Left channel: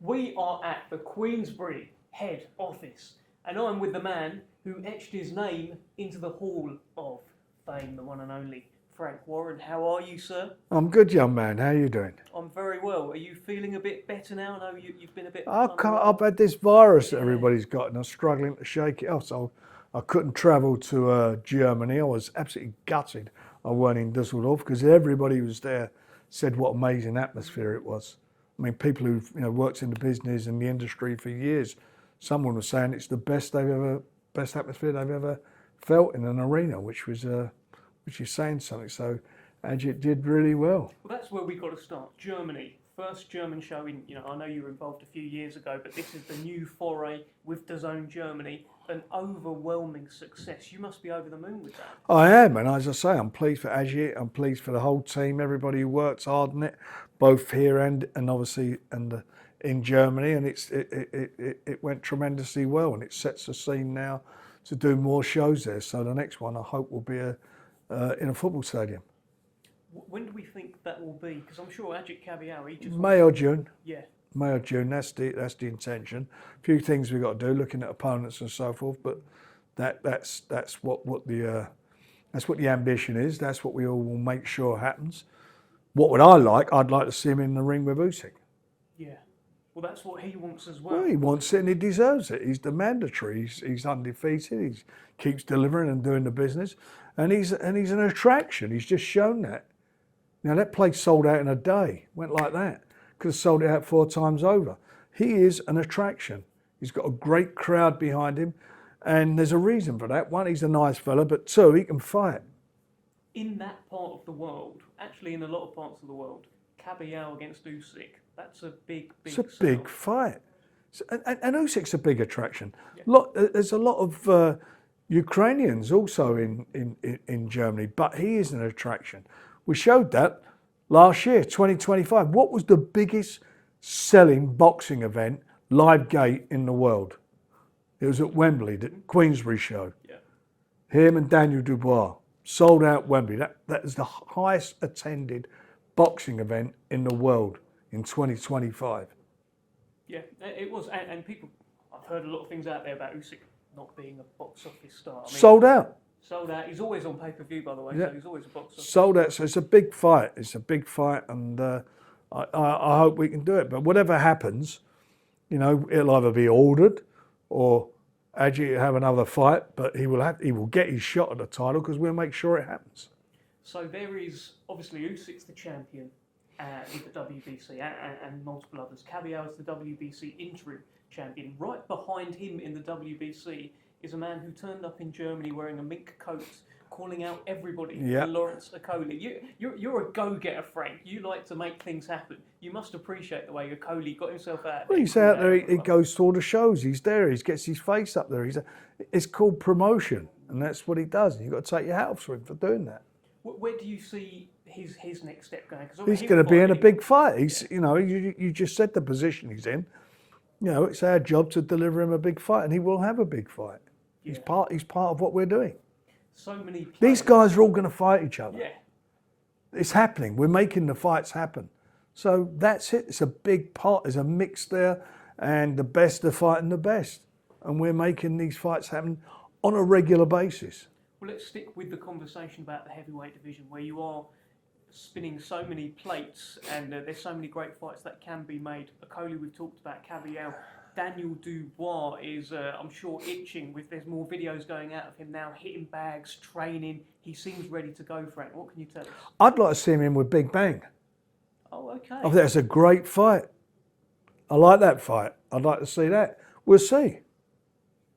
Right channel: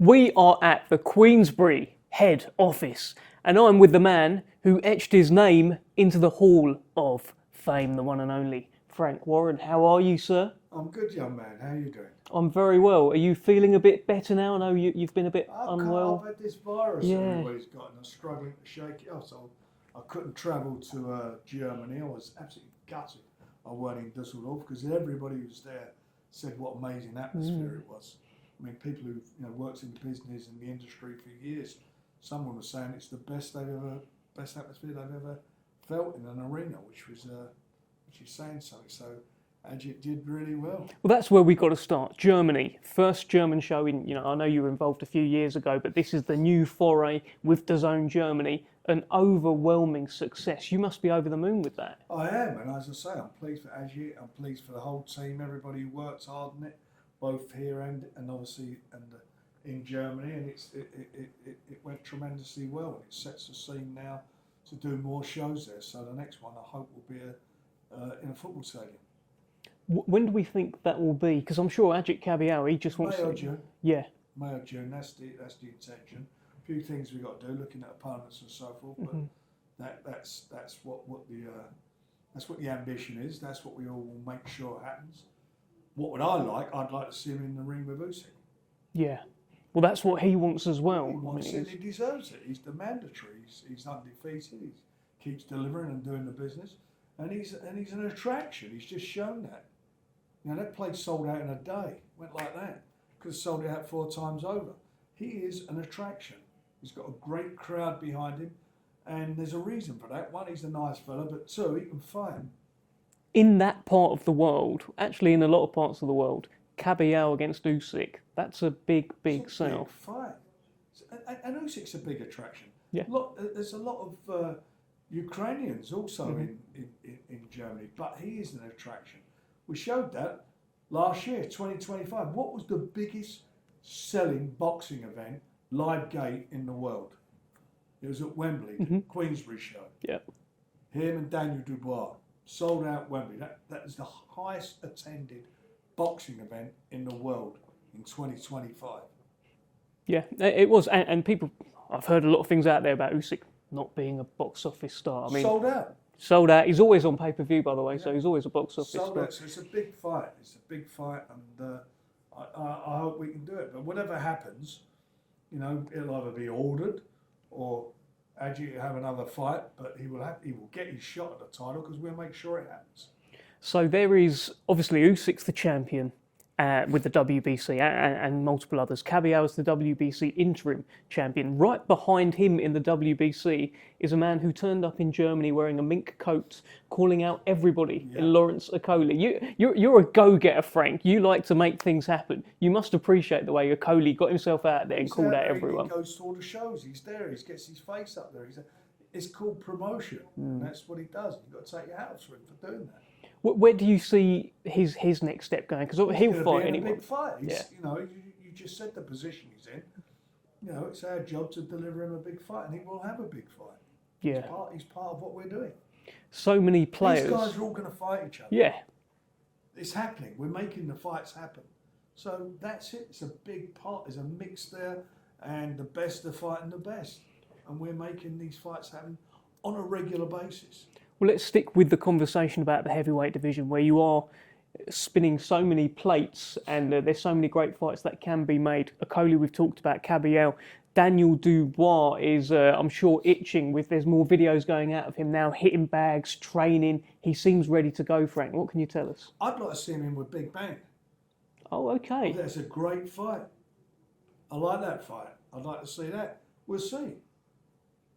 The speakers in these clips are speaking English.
We are at the Queensberry head office, and I'm with the man who etched his name into the Hall of Fame, the one and only Frank Warren. How are you, sir? I'm good, young man. How are you doing? I'm very well. Are you feeling a bit better now? I know you've been a bit unwell. I've had this virus that everybody's got, and I'm struggling to shake it off. So I couldn't travel to Germany. I was absolutely gutted I weren't in Düsseldorf because everybody was there said what amazing atmosphere it was. I mean, people who've worked in the business and the industry for years, someone was saying it's the best atmosphere they've ever felt in an arena, which is saying something. So Ajit did really well. Well, that's where we got to start. Germany, first German show in, I know you were involved a few years ago, but this is the new foray with DAZN Germany, an overwhelming success. You must be over the moon with that. I am, and as I say, I'm pleased for Ajit, I'm pleased for the whole team, everybody who works hard on it, both here and obviously in Germany, and it went tremendously well, and it sets the scene now to do more shows there. So the next one I hope will be in a football stadium. When do we think that will be? Because I'm sure Ajit Kabayel, he just May or June. Yeah. May or June. That's the intention. A few things we've got to do, looking at opponents and so forth. But that's what the ambition is. That's what we all will make sure happens. What would I like? I'd like to see him in the ring with Usyk. Yeah. Well, that's what he wants as well. He wants it and he deserves it. He's the mandatory. He's undefeated. He keeps delivering and doing the business, and he's an attraction. He's just shown that. Now that place sold out in a day. Went like that. Could have sold it out 4 times over. He is an attraction. He's got a great crowd behind him, and there's a reason for that. One, he's a nice fella, but 2, he can fight. In that part of the world, actually in a lot of parts of the world, Kabayel against Usyk, that's a big It's a big fight. And Usyk's a big attraction. Yeah. There's a lot of Ukrainians also in Germany, but he is an attraction. We showed that last year, 2025. What was the biggest selling boxing event, live gate in the world? It was at Wembley, the Queensberry show. Yeah. Him and Daniel Dubois sold out Wembley. That is the highest attended boxing event in the world in 2025. Yeah, it was. And people, I've heard a lot of things out there about Usyk not being a box office star. I mean, sold out. Sold out. He's always on pay-per-view, by the way, so he's always a box office. Sold out. So it's a big fight. It's a big fight, and I hope we can do it. But whatever happens, it'll either be ordered or Ajit will have another fight. But he will get his shot at the title because we'll make sure it happens. So there is obviously Usyk's the champion with the WBC and multiple others. Kabayel is the WBC interim champion. Right behind him in the WBC is a man who turned up in Germany wearing a mink coat, calling out everybody. Yeah. Lawrence Okolie. You're a go-getter, Frank. You like to make things happen. You must appreciate the way Okolie got himself out there. He's out there. He goes to all the shows. He's there. He gets his face up there. It's called promotion, and that's what he does. And you've got to take your hat off for him for doing that. Where do you see his next step going? Because he's going to be in a big fight. You just said the position he's in. It's our job to deliver him a big fight, and he will have a big fight. Yeah. He's part of what we're doing. So many players. These guys are all going to fight each other. Yeah. It's happening. We're making the fights happen. So that's it. It's a big part. There's a mix there, and the best are fighting the best, and we're making these fights happen on a regular basis. Well, let's stick with the conversation about the heavyweight division, where you are spinning so many plates and there's so many great fights that can be made. Okolie, we've talked about. Kabayel. Daniel Dubois is, I'm sure, itching with there's more videos going out of him now, hitting bags, training. He seems ready to go, Frank. What can you tell us? I'd like to see him in with Big Bang. Oh, okay. I think that's a great fight. I like that fight. I'd like to see that. We'll see.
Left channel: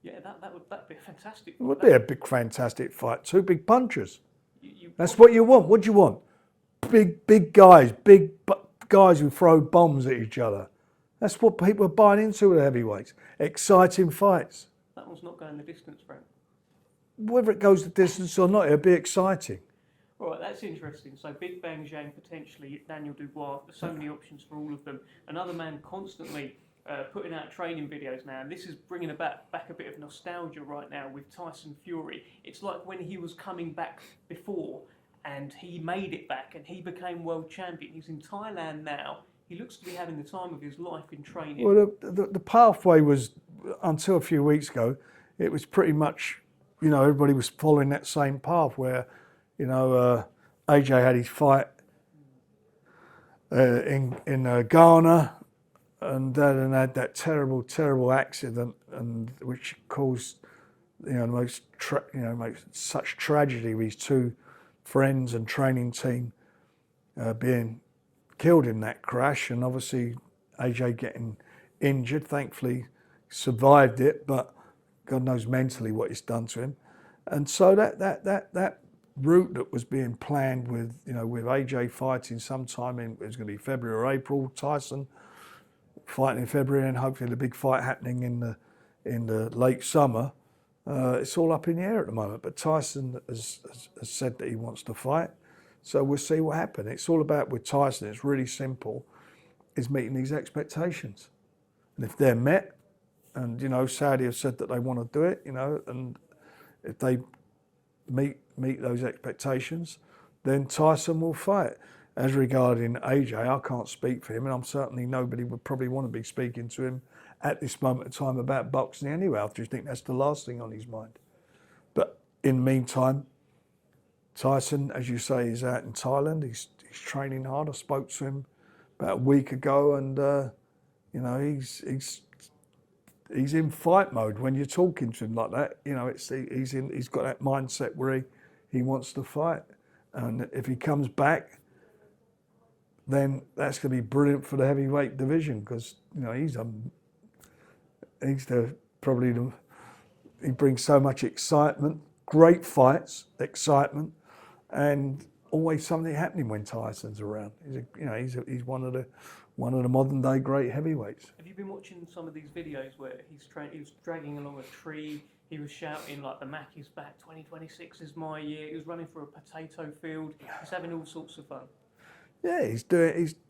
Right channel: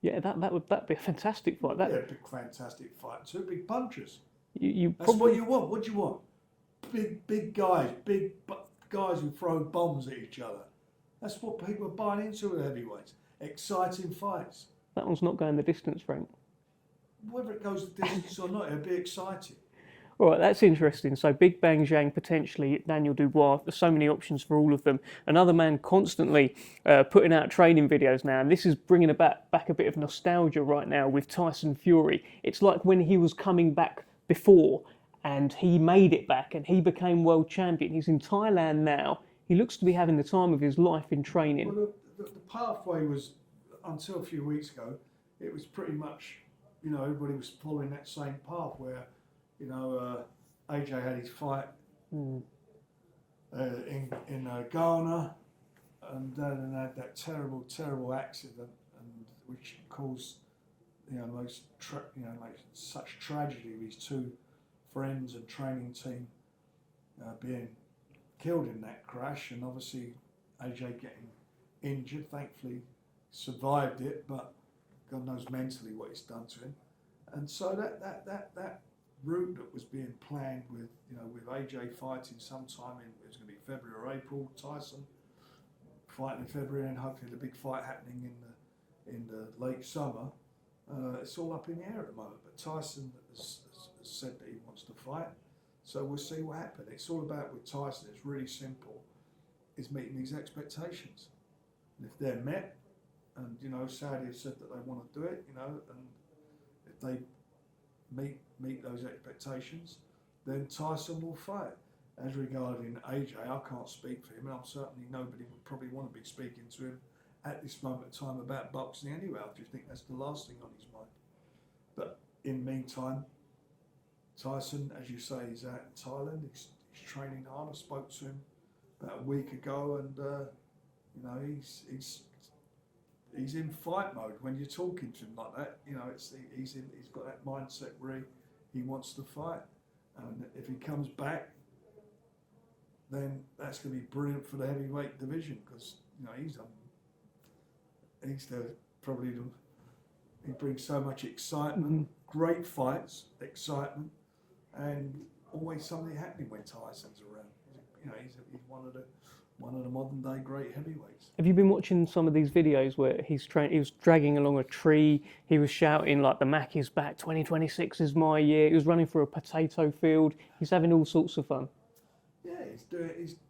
Yeah, that'd be a fantastic fight. It would be a big, fantastic fight. 2 big punchers. That's probably what you want. What do you want? Big guys who throw bombs at each other. That's what people are buying into with heavyweights. Exciting fights. That one's not going the distance, Frank. Whether it goes the distance or not, it'll be exciting. All right, that's interesting. So Big Bang Zhang, potentially Daniel Dubois. There's so many options for all of them. Another man constantly putting out training videos now, and this is bringing back a bit of nostalgia right now with Tyson Fury. It's like when he was coming back before, and he made it back, and he became world champion. He's in Thailand now. he looks to be having the time of his life in training. Well, the pathway was, until a few weeks ago, it was pretty much, everybody was following that same path where, AJ had his fight in Ghana, and then had that terrible accident, and which caused, most such tragedy with his two friends and training team being killed in that crash, and obviously AJ getting injured. Thankfully, survived it, but God knows mentally what it's done to him. And so that route that was being planned with AJ fighting sometime it was going to be February or April, Tyson fighting in February, and hopefully the big fight happening in the late summer. It's all up in the air at the moment. But Tyson has said that he wants to fight, so we'll see what happens. It's all about, with Tyson, it's really simple, is meeting these expectations, and if they're met, and Saudi have said that they want to do it, and if they meet those expectations, then Tyson will fight. As regarding AJ, I can't speak for him, and I'm certainly, nobody would probably want to be speaking to him at this moment in time about boxing anyway. I just think that's the last thing on his mind. But in the meantime, Tyson, as you say, is out in Thailand. He's training hard. I spoke to him about a week ago, and he's in fight mode. When you're talking to him like that, he's got that mindset where he wants to fight, and if he comes back, then that's going to be brilliant for the heavyweight division, because he brings so much excitement, great fights, excitement, and always something happening when Tyson's around. He's one of the modern day great heavyweights. Have you been watching some of these videos where he was dragging along a tree, he was shouting like, the Mac is back, 2026 is my year, he was running through a potato field, he's having all sorts of fun. Yeah, he's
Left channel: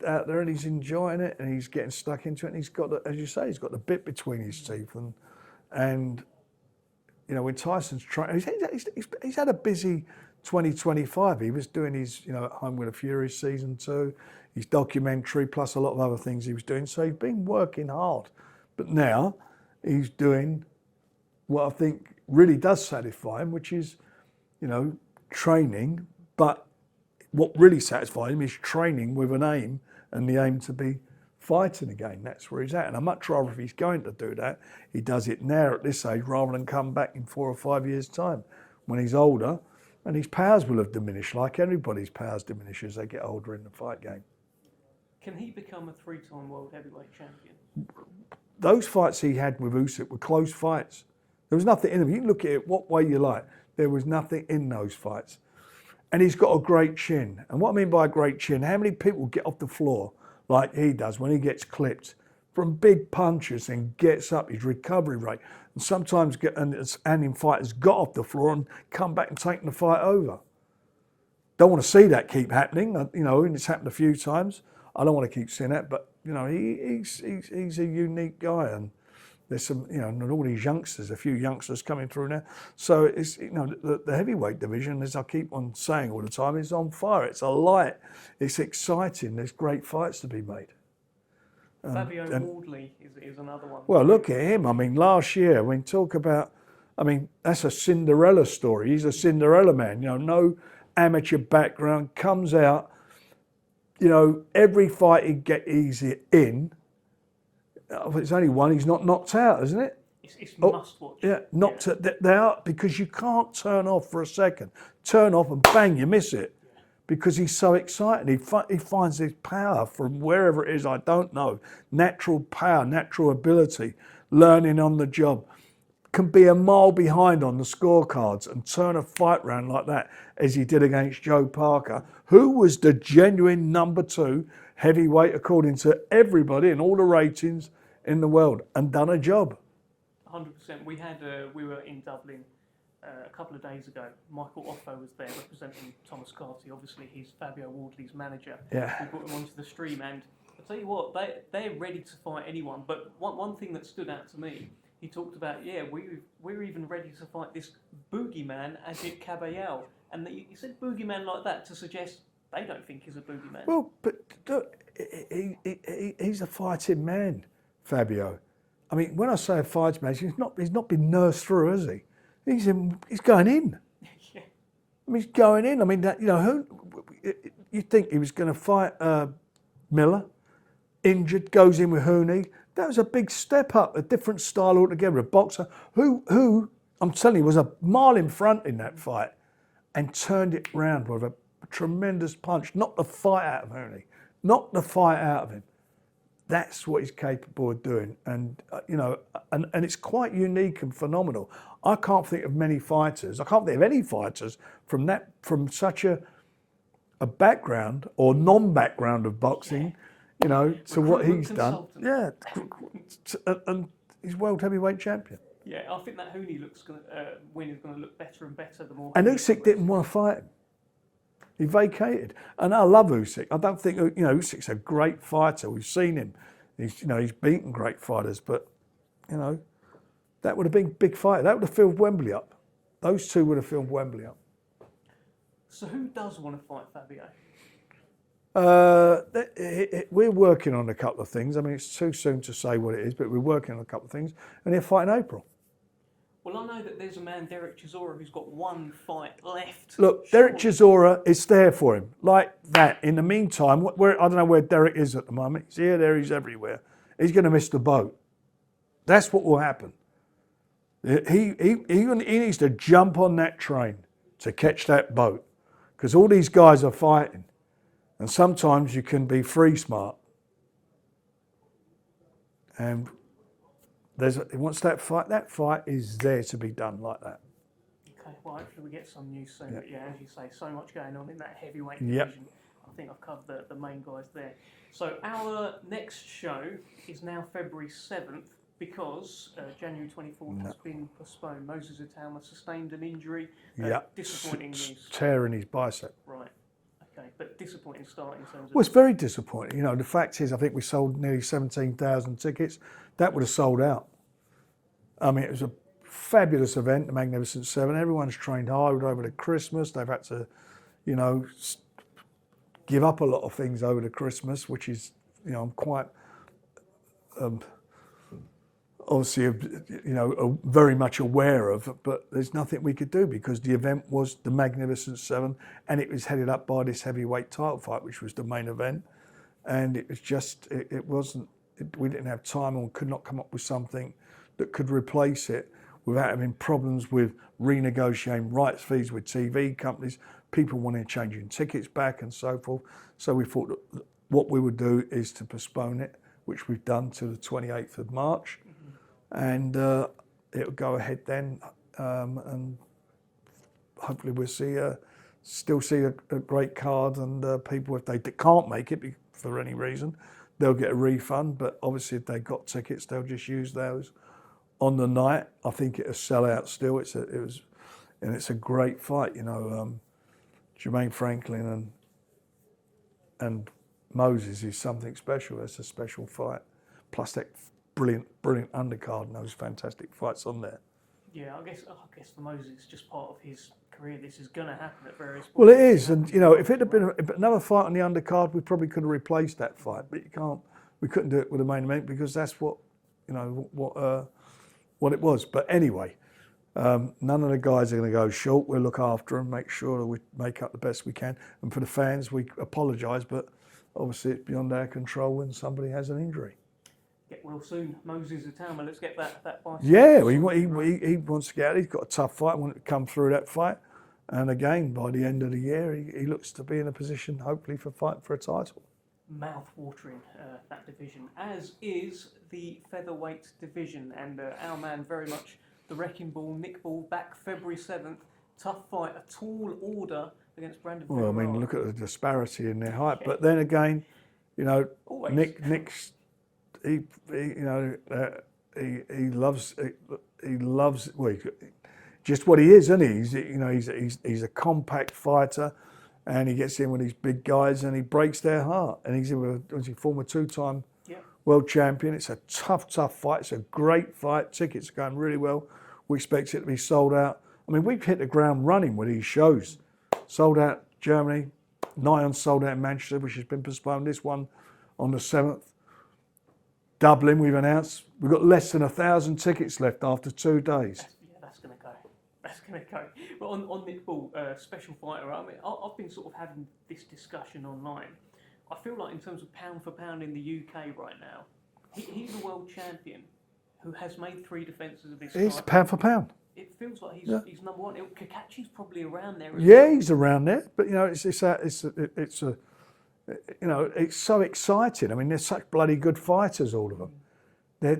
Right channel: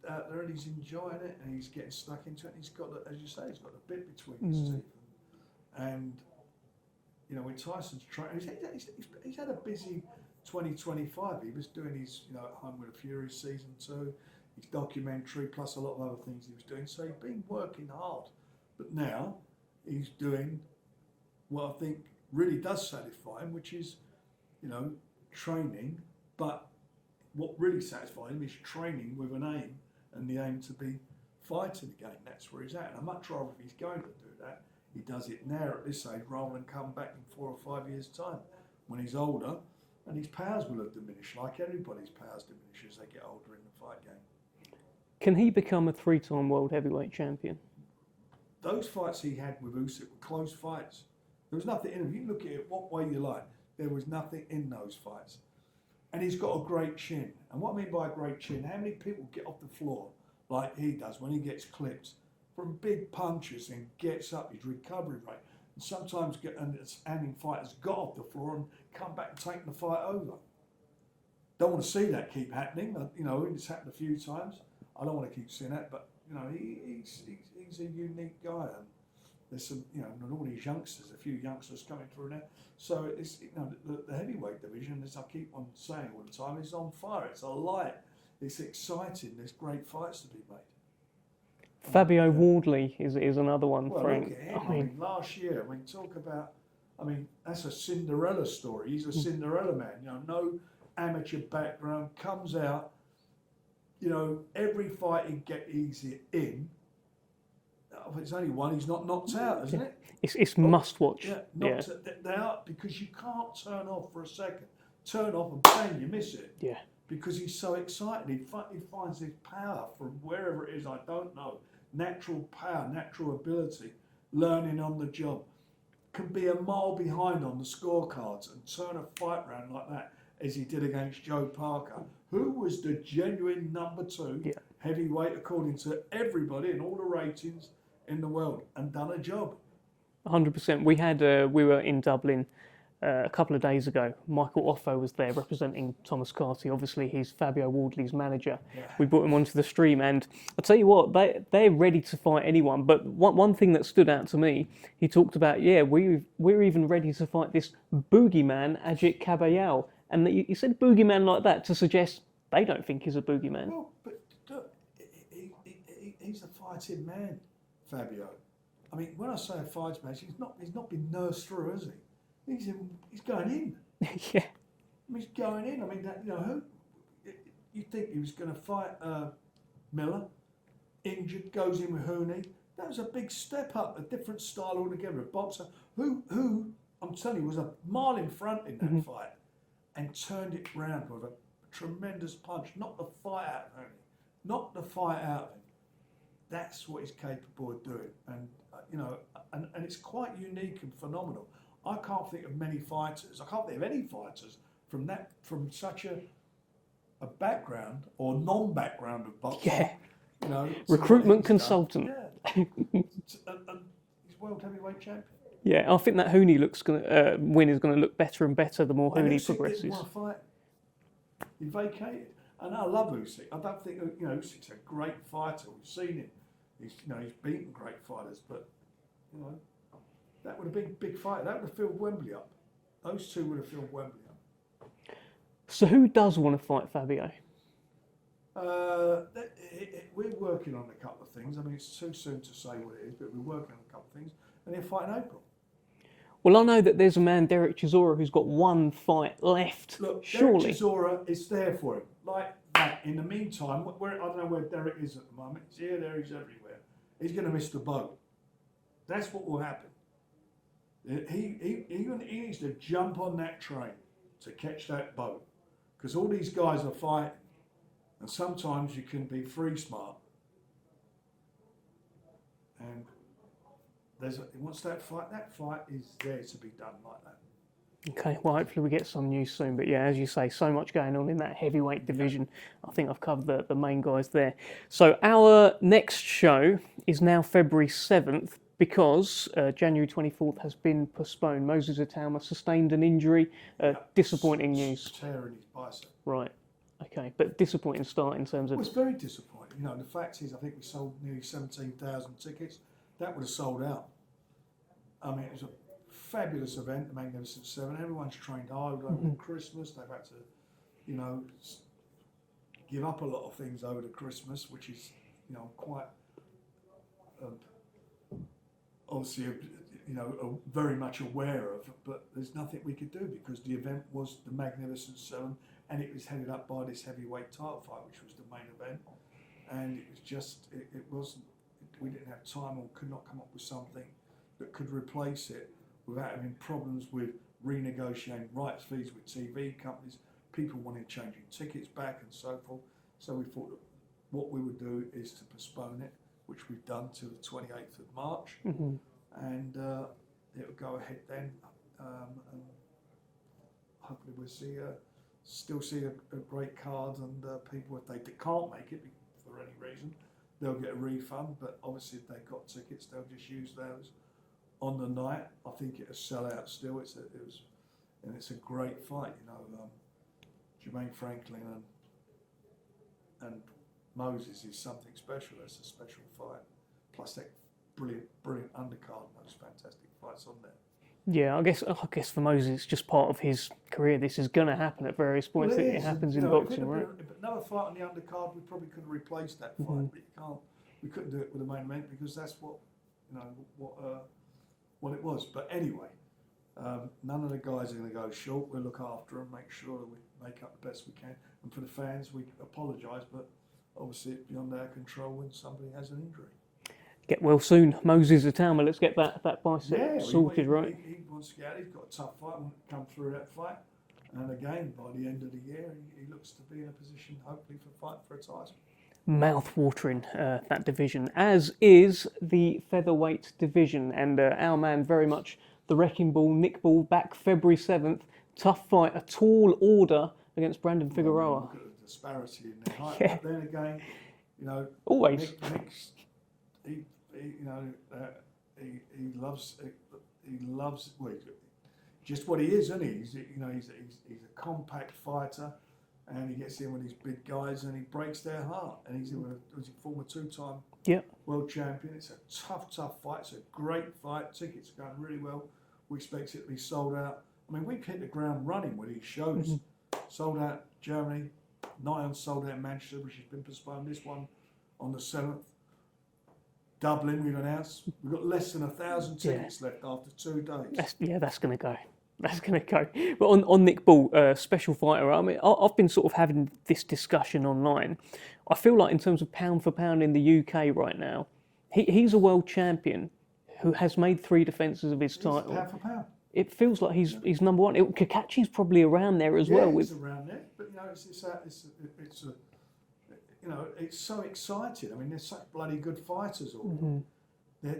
out there and he's enjoying it, and he's getting stuck into it, and he's got, as you say, he's got the bit between his teeth, and when Tyson's trying, he's had a busy 2025. He was doing his At Home with the Fury season 2, his documentary, plus a lot of other things he was doing. So he's been working hard, but now he's doing what I think really does satisfy him, which is training, but what really satisfies him is training with an aim, and the aim to be fighting again. That's where he's at. And I'd much rather, if he's going to do that, he does it now at this age, rather than come back in 4 or 5 years' time when he's older, and his powers will have diminished, like everybody's powers diminish as they get older in the fight game. Can he become a 3-time world heavyweight champion? Those fights he had with Usyk were close fights. There was nothing in them. You can look at it what way you like. There was nothing in those fights. And he's got a great chin. And what I mean by a great chin, how many people get off the floor like he does when he gets clipped from big punches and gets up, his recovery rate, and sometimes in fighters got off the floor and come back and taken the fight over. Don't want to see that keep happening, and it's happened a few times. I don't want to keep seeing that, but he's a unique guy, and there's some, and all these youngsters, a few youngsters coming through now. So it's, the heavyweight division, as I keep on saying all the time, is on fire. It's alight. It's exciting. There's great fights to be made. Fabio Wardley is another one. Well, look at him. I mean, last year, that's a Cinderella story. He's a Cinderella man. No amateur background, comes out. Every fight he's in. It's only one. He's not knocked out, isn't it? It's must watch. Yeah, they are, because you can't turn off for a second. Turn off and bang, you miss it. Yeah. Because he's so excited. He finds his power from wherever it is, I don't know. Natural power, natural ability, learning on the job. Can be a mile behind on the scorecards and turn a fight round like that, as he did against Joe Parker, who was the genuine number 2 heavyweight according to everybody and all the ratings in the world, and done a job. 100%. We were in Dublin a couple of days ago. Michael Offo was there representing Thomas Carty. Obviously, he's Fabio Wardley's manager. Yeah. We brought him onto the stream, and I'll tell you what, they're ready to fight anyone. But one thing that stood out to me, he talked about, we're even ready to fight this boogeyman, Ajit Kabayel. And he said boogeyman like that to suggest they don't think he's a boogeyman. Well, but he's a fighting man, Fabio. I mean, when I say a fighting man, he's not been nursed through, has he? He's going in. Yeah. I mean, he's going in. I mean, that, you know, who you think he was going to fight Miller, injured, goes in with Hooney. That was a big step up, a different style altogether. A boxer who I'm telling you was a mile in front in that fight, and turned it round with a tremendous punch. Knocked the fight out of Hooney. Knocked the fight out of him. That's what he's capable of doing, and you know, and it's quite unique and phenomenal. I can't think of many fighters. I can't think of any fighters from such a background or non-background of boxing. Yeah. You know, Recruitment consultant. Done. Yeah, and he's world heavyweight champion. Yeah, I think that Hooney win is going to look better and better the more Hooney And Usyk didn't want to fight him. He vacated. And I love Usyk. I don't think, you know, Usyk's a great fighter. We've seen him. He's beaten great fighters, but, you know, that would have been a big fight. That would have filled Wembley up. Those two would have filled Wembley up. So who does want to fight Fabio? We're working on a couple of things. I mean, it's too soon to say what it is, but we're working on a couple of things. And he'll fight in April. Well, I know that there's a man, Derek Chisora, who's got one fight left. Look, surely. Derek Chisora is there for him, like that. In the meantime, I don't know where Derek is at the moment. He's here, there, he's everywhere. He's going to miss the boat. That's what will happen. He needs to jump on that train to catch that boat, because all these guys are fighting, and sometimes you can be free smart. And once that fight is there to be done like that. Okay, well, hopefully we get some news soon. But yeah, as you say, so much going on in that heavyweight division. Yep. I think I've covered the main guys there. So our next show is now February 7th because January 24th has been postponed. Moses Itauma sustained an injury. Disappointing news. Tearing his bicep. Right. Okay, but disappointing start in terms of... Well, it's very disappointing. You know, the fact is, I think we sold nearly 17,000 tickets. That would have sold out. I mean, it was a fabulous event, the Magnificent Seven. Everyone's trained hard over the Christmas. They've had to, you know, give up a lot of things over the Christmas, which is, you know, I'm quite obviously, you know, very much aware of. But there's nothing we could do because the event was the Magnificent Seven, and it was headed up by this heavyweight title fight, which was the main event. And it was just, it wasn't. We didn't have time or could not come up with something that could replace it without having problems with renegotiating rights fees with TV companies, people wanting changing tickets back and so forth. So we thought that what we would do is to postpone it, which we've done to the 28th of March. And it'll go ahead then, and hopefully we'll still see a great card, and people, if they can't make it for any reason, they'll get a refund, but obviously if they've got tickets, they'll just use those on the night. I think it'll sell out still. It's a great fight, you know. Jermaine Franklin and Moses is something special. It's a special fight. Plus that brilliant undercard and those fantastic fights on there. Yeah, I guess for Moses, it's just part of his career. This is going to happen at various points. Well, it is, and you know, if it had been another fight on the undercard, we probably could have replaced that fight. But we couldn't do it with the main event because that's what, you know, what it was. But anyway, none of the guys are going to go short. We'll look after them, make sure that we make up the best we can. And for the fans, we apologise, but obviously it's beyond our control when somebody has an injury. Get well soon, Moses Itauma. Let's get that bicep. Yeah, sorted, right? he wants to get out. He's got a tough fight. Wanted to come through that fight, and again by the end of the year, he looks to be in a position, hopefully, for fighting for a title. Mouth-watering, that division, as is the featherweight division, and our man very much the wrecking ball, Nick Ball, back February 7th. Tough fight, a tall order against Brandon Figueroa. I mean, look at the disparity in their height, but then again, you know, always Nick's. He loves well, just what he is, isn't he? He's a compact fighter, and he gets in with these big guys and he breaks their heart. And he's in with a former two-time world champion. It's a tough fight. It's a great fight. Tickets are going really well. We expect it to be sold out. I mean, we've hit the ground running with these shows. Sold out Germany, nigh on sold out in Manchester, which has been postponed. This one on the 7th. Dublin, we've announced. We've got less than 1,000 tickets left after 2 days. That's going to go. That's going to go. But on Nick Ball, special fighter, I mean, I've been sort of having this discussion online. I feel like in terms of pound for pound in the UK right now, he's a world champion who has made 3 defences of his title. He's pound for pound. It feels like he's number one. Kakachi's probably around there as well. Yeah, he's around there. But, you know, it's so exciting. I mean, they're such bloody good fighters, all of them. They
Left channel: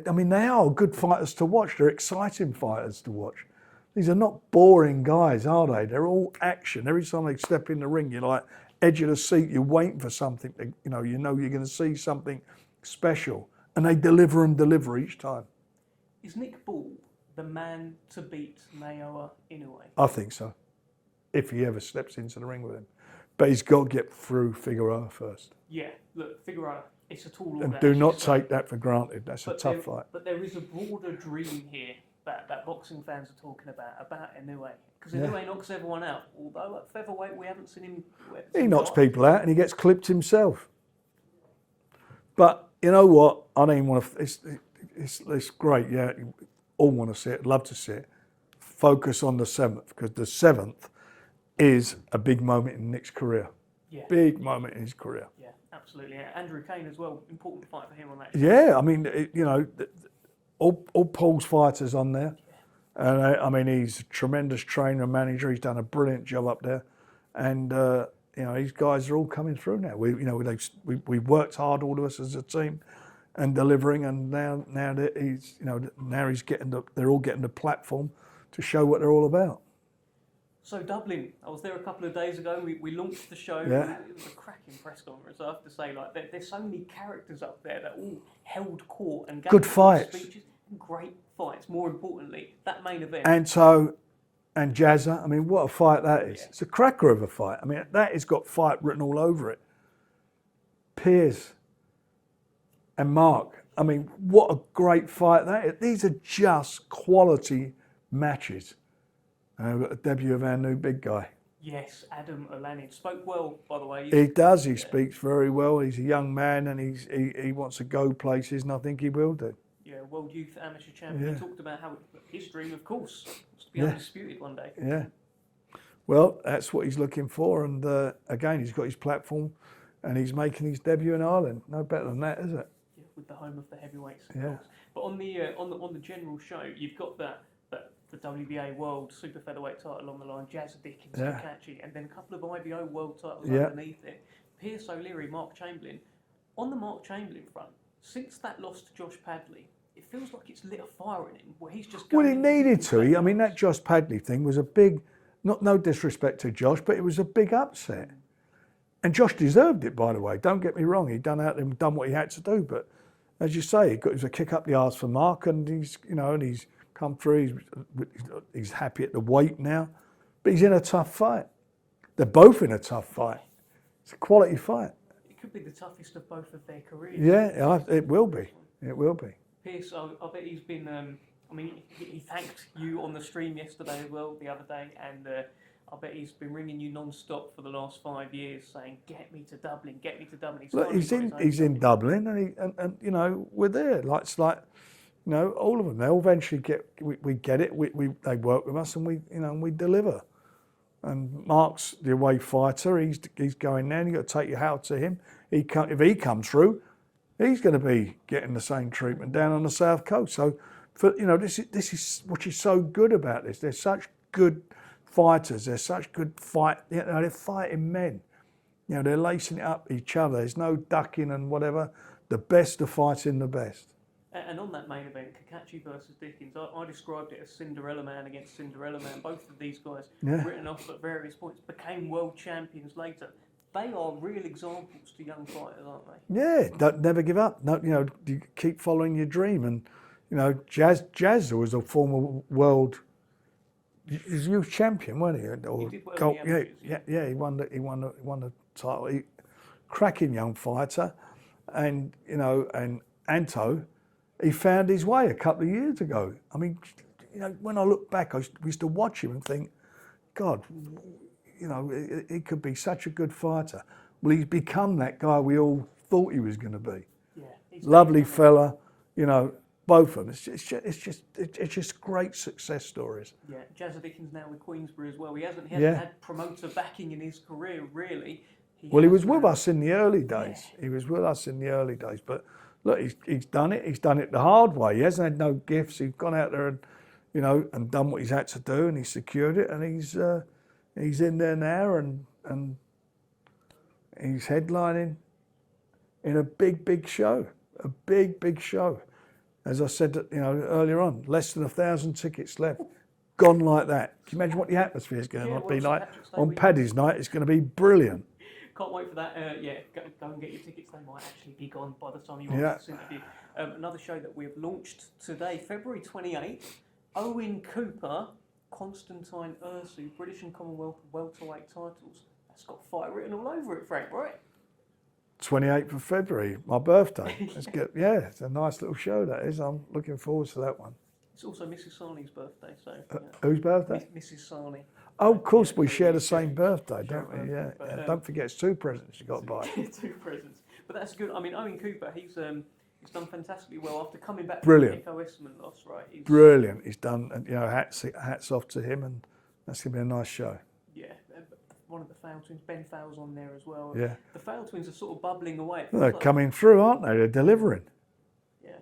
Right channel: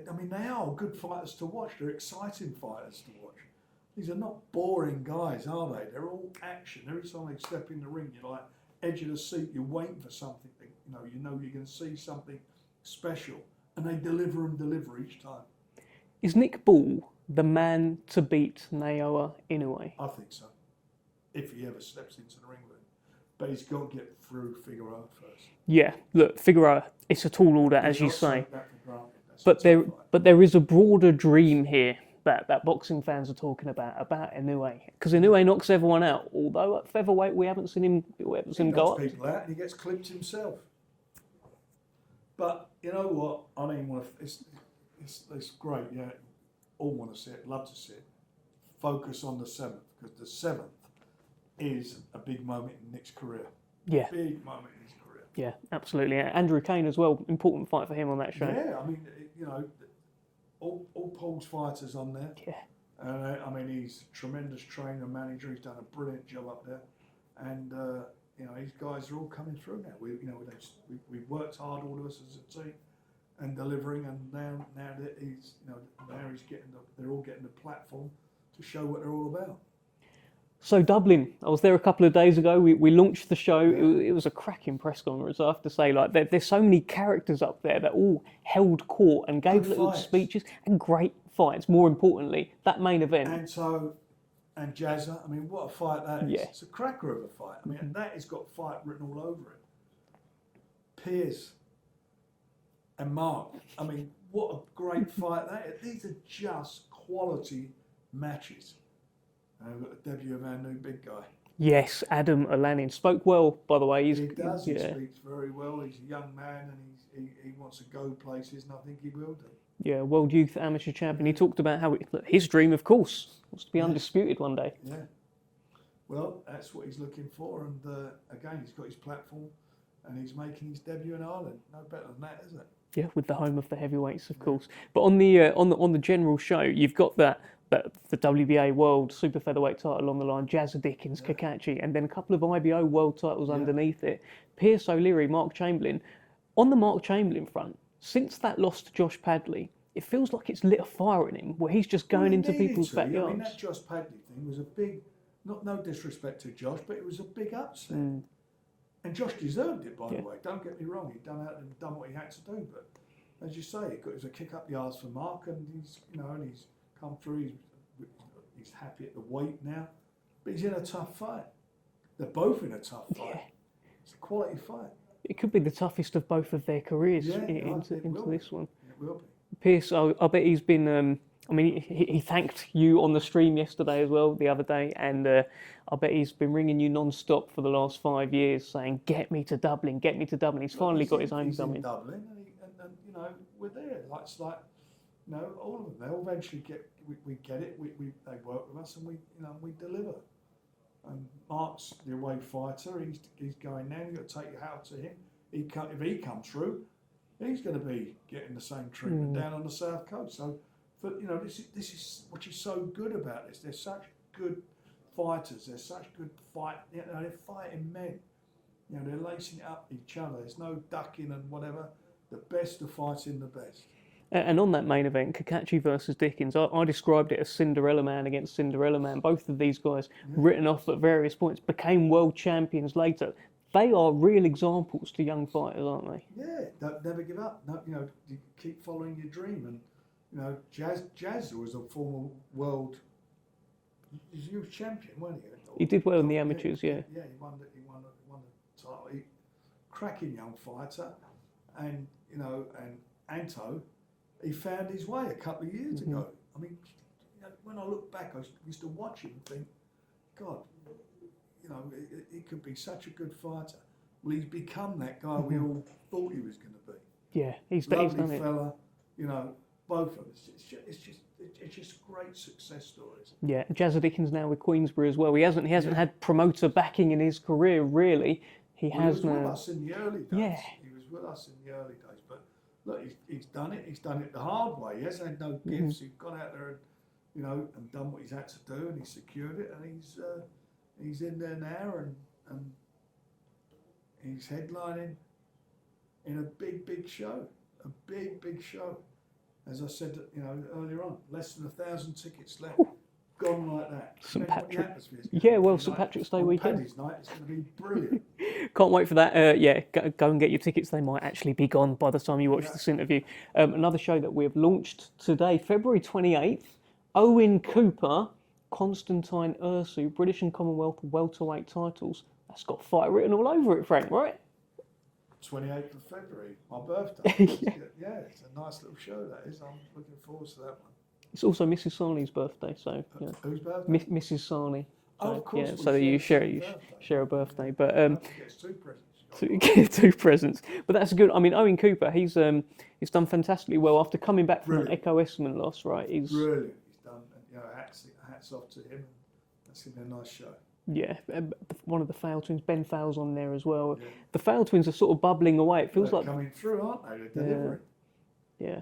are good fighters to watch. They're exciting fighters to watch. These are not boring guys, are they? They're all action. Every time they step in the ring, you're like edge of the seat. You're waiting for something. You know you're going to see something special, and they deliver each time. Is Nick Ball the man to beat Naoya Inoue? I think so. If he ever steps into the ring with him. But he's got to get through Figueroa first. Yeah, look, Figueroa, it's a tall order. Do not take that for granted. That's a tough fight. But there is a broader dream here that boxing fans are talking about Inoue. Because Inoue knocks everyone out. Although at featherweight, we haven't seen him. He knocks people out and he gets clipped himself. But you know what? I don't even want to. It's great. Yeah, all want to see it. Love to see it. Focus on the 7th, because the 7th is a big moment in Nick's career. Yeah. Big moment in his career. Yeah, absolutely. Andrew Kane as well. Important fight for him on that show. Yeah, I mean, all Paul's fighters on there. Yeah. And I mean, he's a tremendous trainer and manager. He's done a brilliant job up there. And, these guys are all coming through now. We worked hard, all of us as a team, and delivering. And now that they're all getting the platform to show what they're all about. So Dublin, I was there a couple of days ago. We launched the show. Yeah. It was a cracking press conference, I have to say. Like there's so many characters up there that all held court and gave good speeches and great fights. More importantly, that main event. And Jazza, I mean, what a fight that is. Yeah. It's a cracker of a fight. I mean, that has got fight written all over it. Piers and Mark, I mean, what a great fight that is. These are just quality matches. And we've got the debut of our new big guy. Yes, Adam Alanin. Spoke well, by the way. He does. He speaks very well. He's a young man and he wants to go places, and I think he will do. Yeah, World Youth Amateur Champion. He talked about how his dream, of course, was to be undisputed one day. Yeah. Well, that's what he's looking for. And again, he's got his platform and he's making his debut in Ireland. No better than that, is it? Yeah, with the home of the heavyweights, of course. But on the general show, you've got the WBA World Super Featherweight title on the line, Jazza Dickens, Kakachi, and then a couple of IBO World titles underneath it. Pierce O'Leary, Mark Chamberlain. On the Mark Chamberlain front, since that loss to Josh Padley, it feels like it's lit a fire in him, where he's just going into people's backyards. I mean, that Josh Padley thing was a big, no disrespect to Josh, but it was a big upset. And Josh deserved it, by the way. Don't get me wrong. He'd done what he had to do. But as you say, it was a kick up the arse for Mark, and he's come through. He's happy at the weight now, but he's in a tough fight. They're both in a tough fight. Yeah. It's a quality fight. It could be the toughest of both of their careers. Yeah, it will be. It will be. Pierce, I bet he's been. He thanked you on the stream yesterday as well, the other day, and I bet he's been ringing you non-stop for the last 5 years, saying, "Get me to Dublin, get me to Dublin." He's finally got his own. He's in Dublin, and we're there. It's like. All of them. They'll eventually get. We get it. They work with us, and we deliver. And Mark's the away fighter. He's going there. And you've got to take your hat to him. If he comes through, he's going to be getting the same treatment down on the south coast. So, this is what is so good about this. They're such good fighters. They're such good fight. They're fighting men. They're lacing it up each other. There's no ducking and whatever. The best are fighting the best. And on that main event, Kakachi versus Dickens, I described it as Cinderella Man against Cinderella Man. Both of these guys, written off at various points, became world champions later. They are real examples to young fighters, aren't they? Yeah, don't never give up. No, you keep following your dream. And Jazz was a former world youth champion, wasn't he? He did well in the amateurs. Yeah, he won the title. Cracking young fighter, and Anto. He found his way a couple of years ago. I mean, when I look back, we used to watch him and think, God, he could be such a good fighter. Well, he's become that guy we all thought he was going to be. Yeah, he's Lovely done it. fella, you know, both of them. It's just great success stories. Yeah, Jazza Dickens now with Queensberry as well. He hasn't had promoter backing in his career really. He was with us in the early days. Yeah. He was with us in the early days. But look, he's done it. He's done it the hard way. He hasn't had no gifts. He's gone out there and, you know, and done what he's had to do, and he's secured it, and he's in there now, and he's headlining in a big show, a big show. As I said, you know, earlier on, less than 1,000 tickets left. Gone like that. Imagine what the atmosphere is going to be like on Paddy's night. It's going to be brilliant. Can't wait for that. Go and get your tickets. They might actually be gone by the time you watch this interview. Another show that we've launched today, February 28th. Owen Cooper, Constantine Ursu, British and Commonwealth welterweight titles. That's got fight written all over it, Frank, right? 28th of February, my birthday. It's a nice little show, that is. I'm looking forward to that one. It's also Mrs. Sarni's birthday, so... Whose birthday? Mrs. Sarni. Oh, of course, we share the same birthday. Share a birthday. Yeah. But don't forget, it's 2 presents you got to buy. 2 presents. But that's good. I mean, Owen Cooper, he's done fantastically well after coming back from the Echo Esserman loss, right? Brilliant. He's done, you know, hats off to him, and that's going to be a nice show. Yeah, one of the Fowle twins, Ben Fowle's on there as well. Yeah. The Fowle twins are sort of bubbling away. They're coming through, aren't they? They're delivering. Yeah.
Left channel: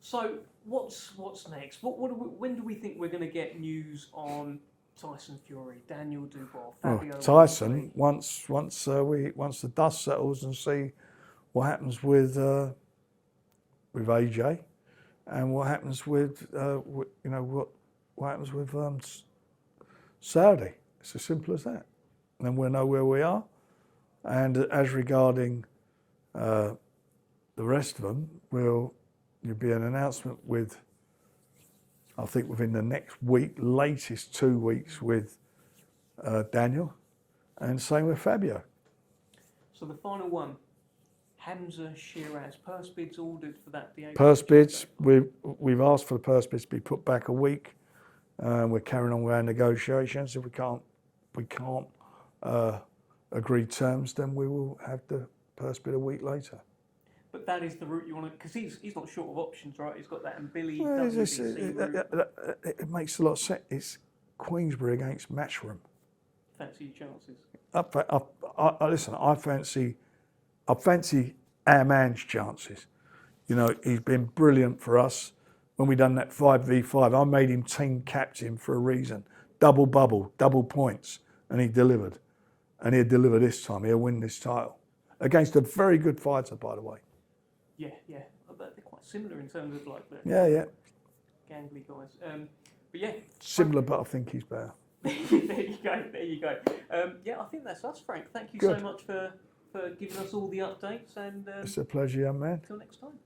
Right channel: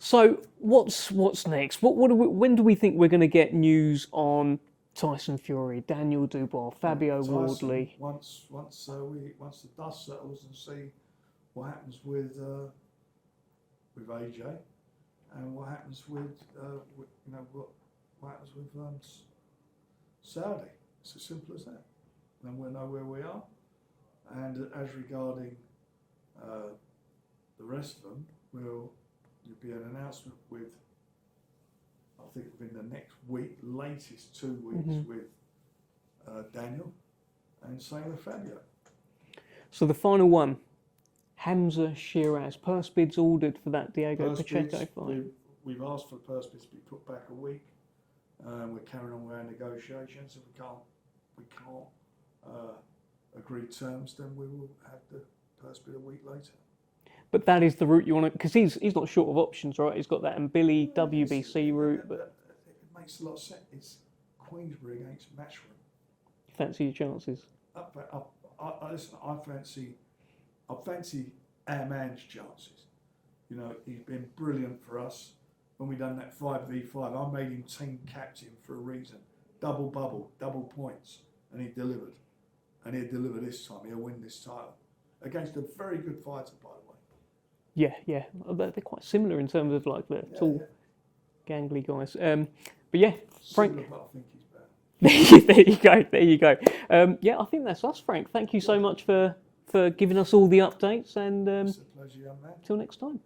So what's next? When do we think we're going to get news on Tyson Fury, Daniel Dubois, Fabio Wardley? Once the dust settles and see what happens with AJ, and what happens with what happens with Saudi. It's as simple as that. And then we'll know where we are. And as regarding the rest of them, there'll be an announcement with, I think within the next week, latest 2 weeks with Daniel, and same with Fabio. So the final one, Hamza Shiraz. Purse bids ordered for that Diego. Purse bids, we've asked for the purse bids to be put back a week. We're carrying on with our negotiations. If we can't agree terms, then we will have the purse bid a week later. But that is the route you want to, because he's not short of options, right? He's got that Mbili WBC route. It makes a lot of sense. It's Queensberry against Matchroom. Fancy your chances? Listen, I fancy our man's chances. You know, he's been brilliant for us. When we done that 5v5, I made him team captain for a reason. Double bubble, double points, and he delivered. And he'll deliver this time. He'll win this title against a very good fighter, by the way. Yeah. They're quite similar in terms of like the gangly guys. But yeah, similar, but I think he's better. There you go. I think that's us, Frank. Thank you so much for giving us all the updates, and it's a pleasure, young man. Till next time.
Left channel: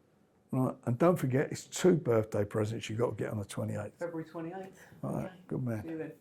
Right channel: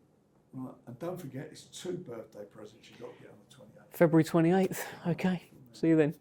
Right, and don't forget, it's 2 birthday presents you've got to get on the 28th. February 28th. Okay. Good man. See you then.